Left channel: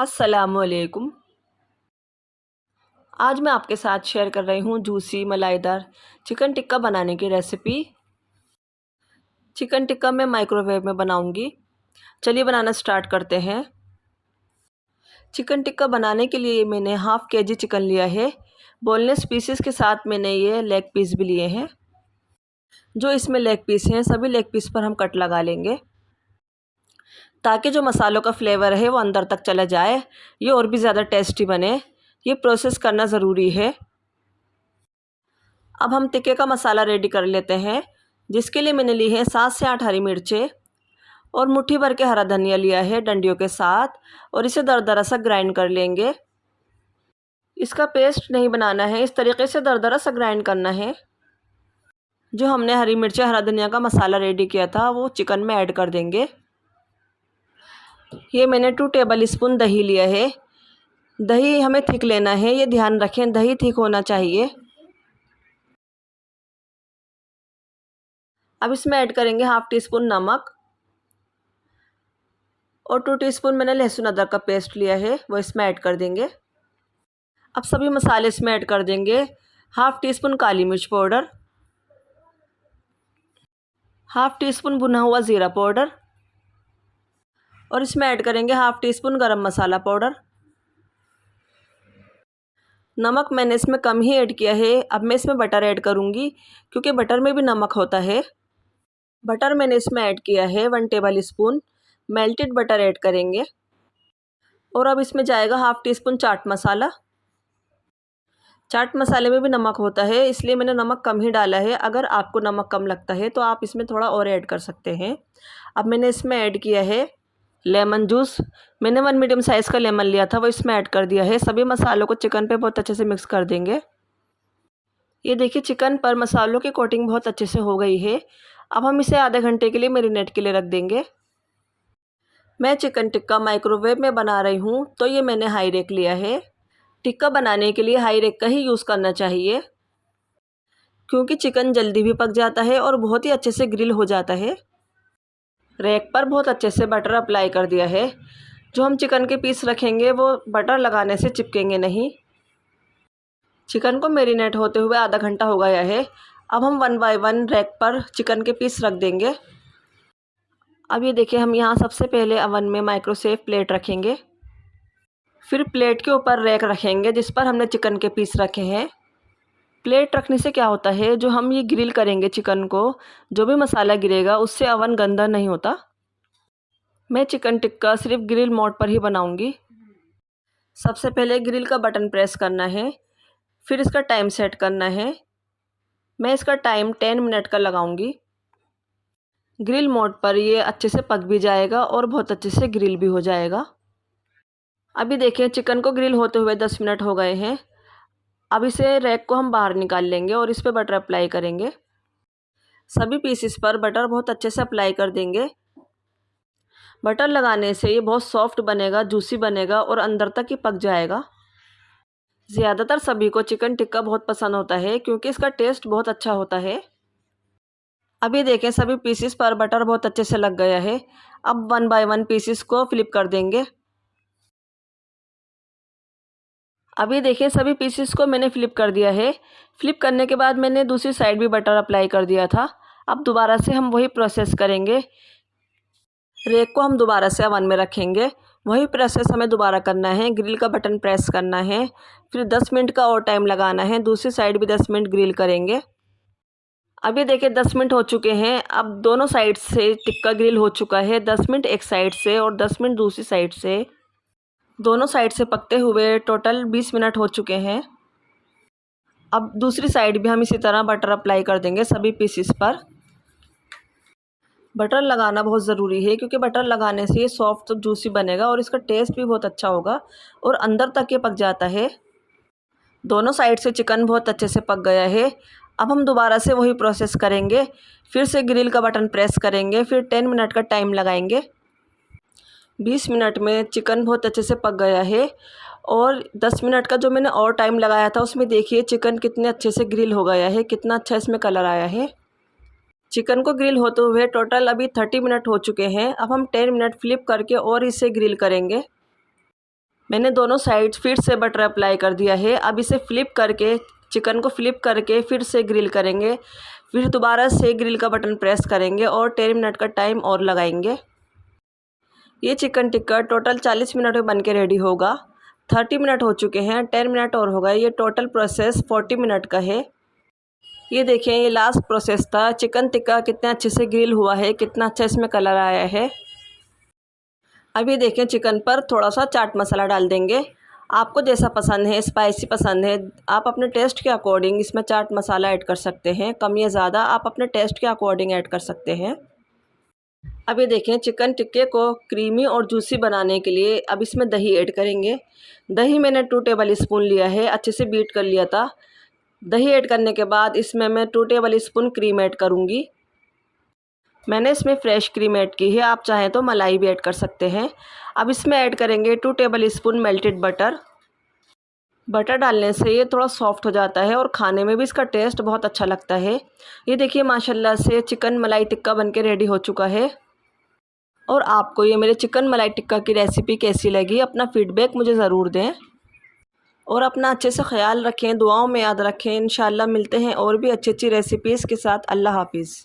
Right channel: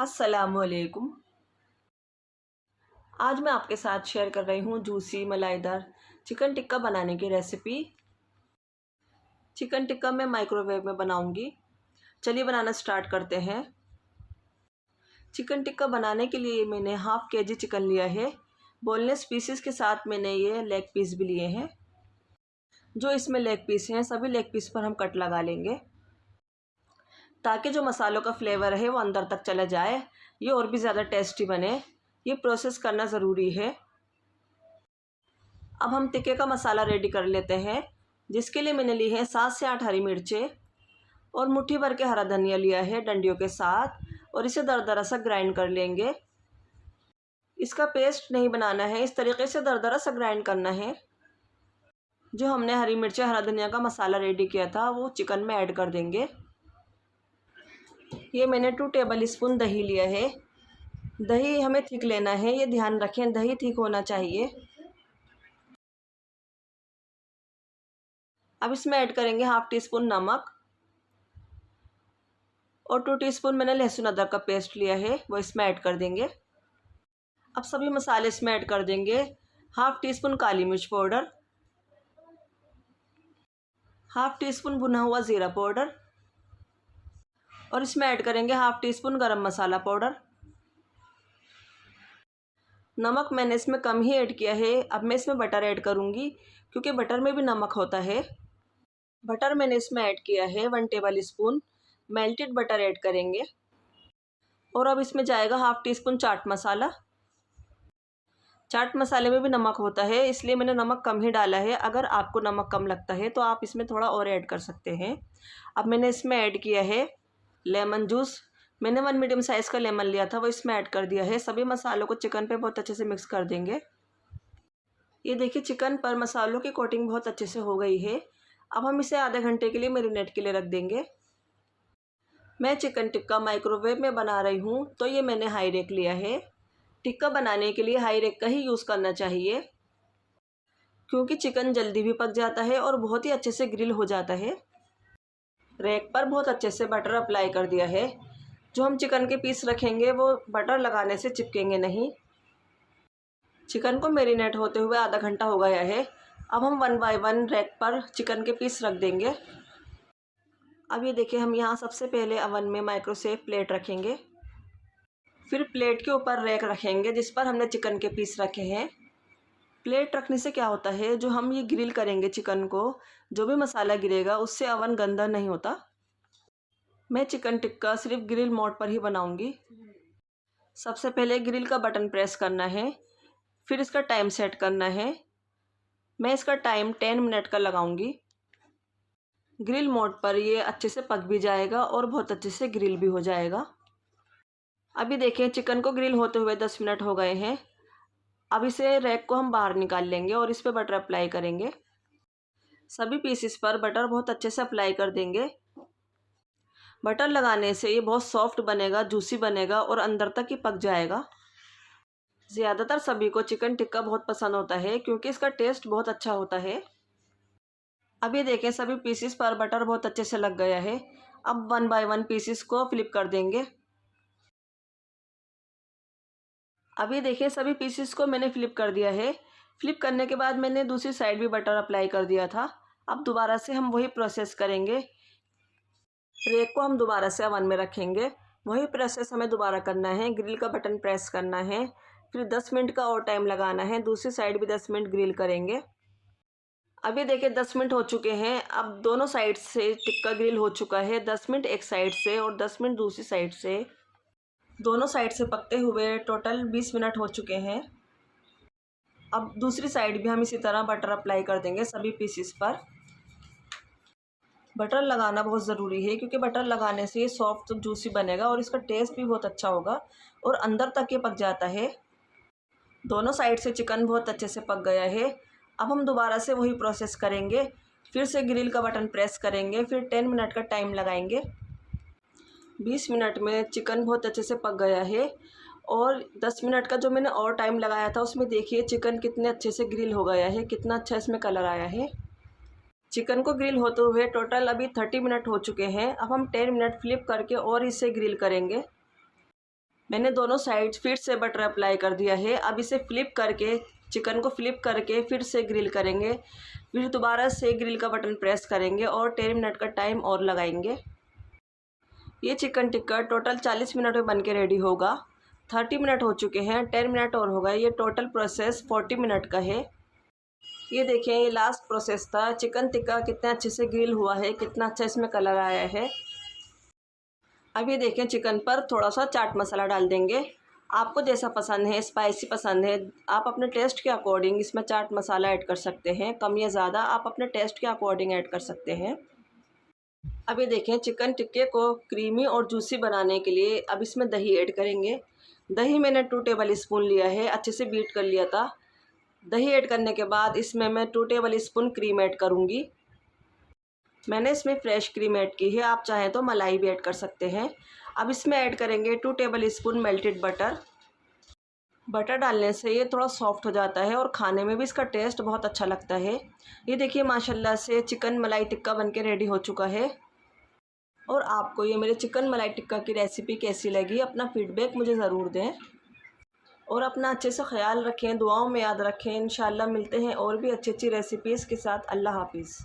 अस्सलामुअलैकुम। आज मैं आपके साथ शेयर कर रही हूँ जूसी मलाईदार चिकन टिक्का बनाने की रेसिपी। चिकन टिक्का मैं माइक्रोवेव में बनाऊंगी। चलिए बनाना स्टार्ट करते हैं। चिकन टिक्का बनाने के लिए मैंने हाफ़ केजी चिकन लिया है। बोनलेस पीसेस के साथ मैंने ये लेग पीस भी लिए हैं। जो इसमें लेग पीस हैं सभी लेग पीस पर हम कट लगा लेंगे ताकि जो मसालों का फ्लेवर है वो अंदर तक चला जाए, ये और भी ज़्यादा टेस्टी बने। ये प्रोसेस करना ज़रूरी है। अब हम टिक्के का मसाला रेडी कर लेते हैं, जिसके लिए मैंने ली है 7 से 8 हरी मिर्चें और मुट्ठी भर के हरा धनिया लिया है डंडियों के साथ, और इसे दरदरा सा ग्राइंड कर लेंगे। इसका पेस्ट नहीं बनाना है, इस तरीके से दरदरा सा ग्राइंड करना है। जो हमने हरी मिर्चें हरा धनिया का मसाला रेडी किया था वो चिकन में ऐड कर देंगे। ये मैंने 2 टेबल स्पून दही लिया है। दही हमें थिक लेना है, ये ध्यान रखें, दही थिक होना चाहिए। अब इसमें ऐड करेंगे हाफ़ टी स्पून नमक और 2 टीस्पून मैंने लहसुन अदरक का पेस्ट लिया है, वो इसमें ऐड कर देंगे। अब सभी मसाले इसमें ऐड कर देंगे। हाफ़ टी स्पून काली मिर्च पाउडर, हाफ़ टी स्पून भुना हुआ ज़ीरा पाउडर, और इसमें ऐड करेंगे हाफ़ टी स्पून गरम मसाला पाउडर। नमक मैंने इसमें कम ही ऐड किया है। अब मैं इसमें बटर ऐड करूँगी, क्योंकि बटर में भी नमक होता है। बटर मैंने इसमें ऐड किया है 1 table spoon. Melted butter add करेंगे। और अब इसमें जाएगा half tea spoon chaat masala. चाट मसाले में भी नमक होता है, इसलिए मैंने नमक कम ही डाला है। अगर आपको नमक कम लगता है तो आप इसमें थोड़ा और ऐड कर सकते हैं। अब मैंने इसमें ऐड किया है लेमन जूस। मैंने 1 मीडियम साइज़ का लेमन लिया था, वो इसमें ऐड कर दिया है। सभी मसालों को चिकन पे बहुत अच्छे से मिक्स कर देंगे। ये देखिए चिकन पर मसालों की कोटिंग बहुत अच्छे से हो गई है। अब हम इसे आधे घंटे के लिए मैरिनेट के लिए रख देंगे। मैं चिकन टिक्का माइक्रोवेव में बना रही हूँ, तो ये मैंने हाई रेक लिया है। टिक्का बनाने के लिए हाई रेक का ही यूज़ करना चाहिए, क्योंकि चिकन जल्दी भी पक जाता है और बहुत ही अच्छे से ग्रिल हो जाता है। रेक पर बहुत अच्छे से बटर अप्लाई कर दिया है। जो हम चिकन के पीस रखेंगे वो बटर लगाने से चिपकेंगे नहीं। चिकन को मैरिनेट होते हुए आधा घंटा हो गया है। अब हम 1 बाय 1 रैक पर चिकन के पीस रख देंगे। अब ये देखिए, हम यहाँ सबसे पहले अवन में माइक्रोसेव प्लेट रखेंगे। फिर प्लेट के ऊपर रैक रखेंगे जिस पर हमने चिकन के पीस रखे हैं। प्लेट रखने से क्या होता है, जो हम ये ग्रिल करेंगे चिकन को, जो भी मसाला गिरेगा उससे अवन गंदा नहीं होता। मैं चिकन टिक्का सिर्फ ग्रिल मोड पर ही बनाऊंगी। सबसे पहले ग्रिल का बटन प्रेस करना है, फिर इसका टाइम सेट करना है। मैं इसका टाइम 10 मिनट का लगाऊंगी। ग्रिल मोड पर ये अच्छे से पक भी जाएगा और बहुत अच्छे से ग्रिल भी हो जाएगा। अभी देखिए चिकन को ग्रिल होते हुए 10 मिनट हो गए हैं। अब इसे रैक को हम बाहर निकाल लेंगे और इस पर बटर अप्लाई करेंगे। सभी पीसेस पर बटर बहुत अच्छे से अप्लाई कर देंगे। बटर लगाने से ये बहुत सॉफ्ट बनेगा, जूसी बनेगा और अंदर तक ही पक जाएगा। ज़्यादातर सभी को चिकन टिक्का बहुत पसंद होता है, क्योंकि इसका टेस्ट बहुत अच्छा होता है। अभी देखें सभी पीसेस पर बटर बहुत अच्छे से लग गया है। अब 1 बाय 1 पीसेस को फ्लिप कर देंगे। अभी देखिए सभी पीसेस को मैंने फ्लिप कर दिया है। फ्लिप करने के बाद मैंने दूसरी साइड भी बटर अप्लाई कर दिया था। अब दोबारा से हम वही प्रोसेस करेंगे। रैक को हम दोबारा से अवन में रखेंगे। वही प्रोसेस हमें दोबारा करना है। ग्रिल का बटन प्रेस करना है, फिर 10 मिनट का और टाइम लगाना है। दूसरी साइड भी 10 मिनट ग्रिल करेंगे। अभी देखिए 10 मिनट हो चुके हैं। अब दोनों साइड से टिक्का ग्रिल हो चुका है। 10 मिनट एक साइड से और 10 मिनट दूसरी साइड से। दोनों साइड से पकते हुए टोटल 20 मिनट हो चुके हैं। अब दूसरी साइड भी हम इसी तरह बटर अप्लाई कर देंगे सभी पीसेस पर। बटर लगाना बहुत ज़रूरी है, क्योंकि बटर लगाने से ये सॉफ्ट जूसी बनेगा और इसका टेस्ट भी बहुत अच्छा होगा और अंदर तक ये पक जाता है। दोनों साइड से चिकन बहुत अच्छे से पक गया है। अब हम दोबारा से वही प्रोसेस करेंगे। फिर से ग्रिल का बटन प्रेस करेंगे, फिर 10 मिनट का टाइम लगाएंगे। 20 मिनट में चिकन बहुत अच्छे से पक गया है। और 10 मिनट का जो मैंने और टाइम लगाया था उसमें देखिए चिकन कितने अच्छे से ग्रिल हो गया है, कितना अच्छा इसमें कलर आया है। चिकन को ग्रिल होते हुए टोटल अभी 30 मिनट हो चुके हैं। अब हम 10 मिनट फ्लिप करके और इसे ग्रिल करेंगे। मैंने दोनों साइड फिर से बटर अप्लाई कर दिया है। अब इसे फ्लिप करके, चिकन को फ्लिप करके फिर से ग्रिल करेंगे। फिर दोबारा से ग्रिल का बटन प्रेस करेंगे और 10 मिनट का टाइम और लगाएंगे। ये चिकन टिक्का टोटल 40 मिनट में बन के रेडी होगा। 30 मिनट हो चुके हैं, 10 मिनट और होगा। ये टोटल प्रोसेस 40 मिनट का है। ये देखिए, ये लास्ट प्रोसेस था। चिकन टिक्का कितने अच्छे से ग्रिल हुआ है, कितना अच्छा इसमें कलर आया है। अभी देखें, चिकन पर थोड़ा सा चाट मसाला डाल देंगे। आपको जैसा पसंद है, स्पाइसी पसंद है, आप अपने टेस्ट के अकॉर्डिंग इसमें चाट मसाला ऐड कर सकते हैं। कम या ज़्यादा आप अपने टेस्ट के अकॉर्डिंग ऐड कर सकते हैं। अब ये देखें, चिकन टिक्के को क्रीमी और जूसी बनाने के लिए अब इसमें दही ऐड करेंगे। दही मैंने 2 टेबल स्पून लिया है, अच्छे से बीट कर लिया था। दही ऐड करने के बाद इसमें मैं 2 टेबल स्पून क्रीम ऐड करूँगी। मैंने इसमें फ्रेश क्रीम ऐड की है, आप चाहें तो मलाई भी ऐड कर सकते हैं। अब इसमें ऐड करेंगे 2 table spoon melted butter. Butter डालने से ये थोड़ा सॉफ्ट हो जाता है और खाने में भी इसका टेस्ट बहुत अच्छा लगता है। ये देखिए, माशाल्लाह से चिकन मलाई टिक्का बनके रेडी हो चुका है। और आपको ये मेरे चिकन मलाई टिक्का की रेसिपी कैसी लगी, अपना फ़ीडबैक मुझे ज़रूर दें। और अपना अच्छे से ख़्याल रखें, दुआओं में याद रखें। इंशाल्लाह मिलते हैं और भी अच्छी अच्छी रेसिपीज़ के साथ। अल्लाह हाफ़िज़।